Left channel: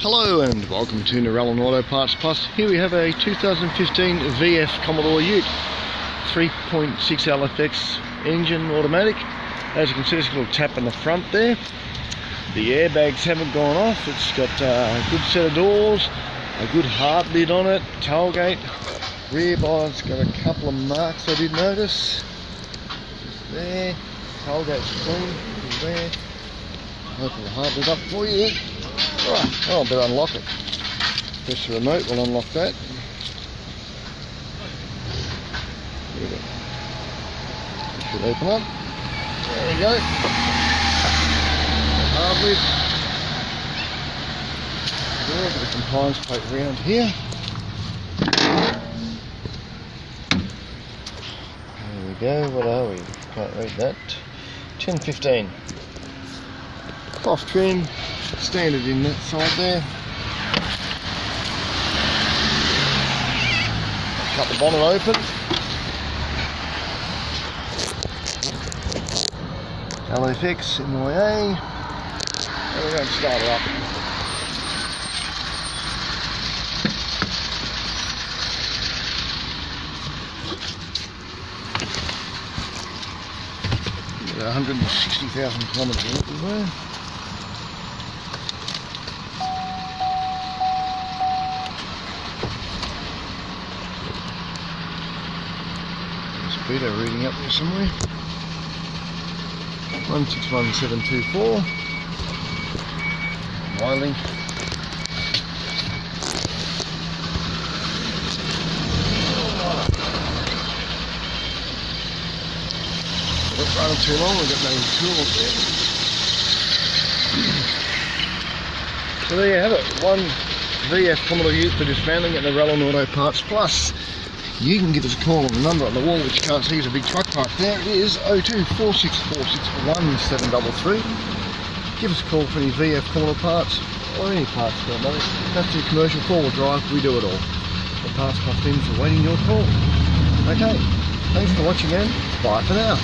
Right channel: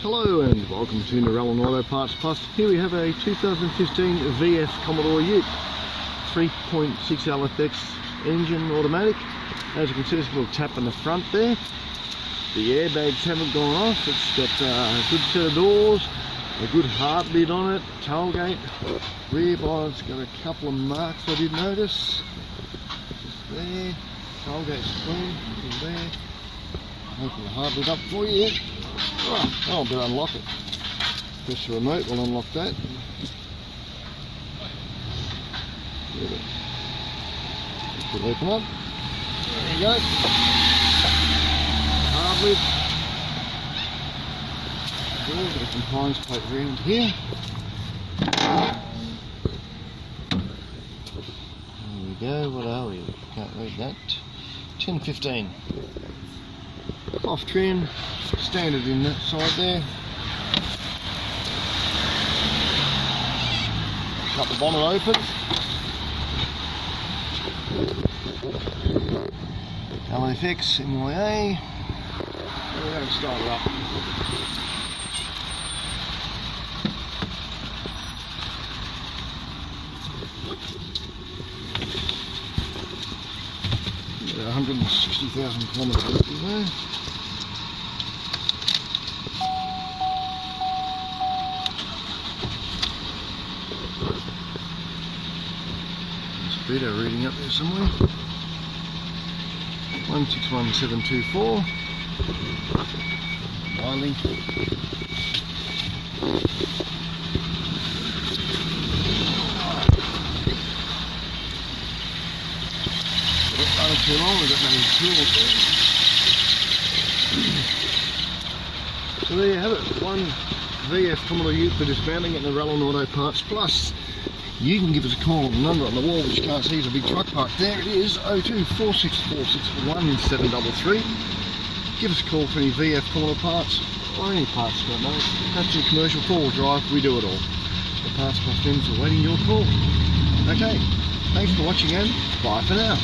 Hello and welcome to Narellan Auto Parts Plus. Here we have a 2015 VF Commodore Ute 3.6 LFX engine automatic. As you can see, there's a little tap in the front there. The airbags haven't gone off. It's got a good set of doors, a good hard lid on it, tailgate. Rear bar's got a couple of marks I did notice. There, tailgate's clean, there. Open the hard lid up for you. Oh, I better unlock it. Press the remote, we'll unlock that. There we go. It should open up. There we go. Hard lid. A bit of compliance plate around here. There we go. What are we? Can't read that. 1015. Cloth trim, standard in that side there. Cut the bonnet open. LFX MYA. And we're going to start it up. Got 160,000 kilometres there. Speedo reading up there somewhere. 161724. Wiley. Not running too long, we've got no tools there. So there you have it, one VF Commodore Ute for dismantling at Narellan Auto Parts Plus. You can give us a call on the number on the wall, which you can't see is a big truck park there. It is 0246461733. Give us a call for any VF Commodore parts or any parts for that matter. That's your commercial four-wheel drive, we do it all. The Parts Plus teams are waiting your call. Okay, thanks for watching and bye for now.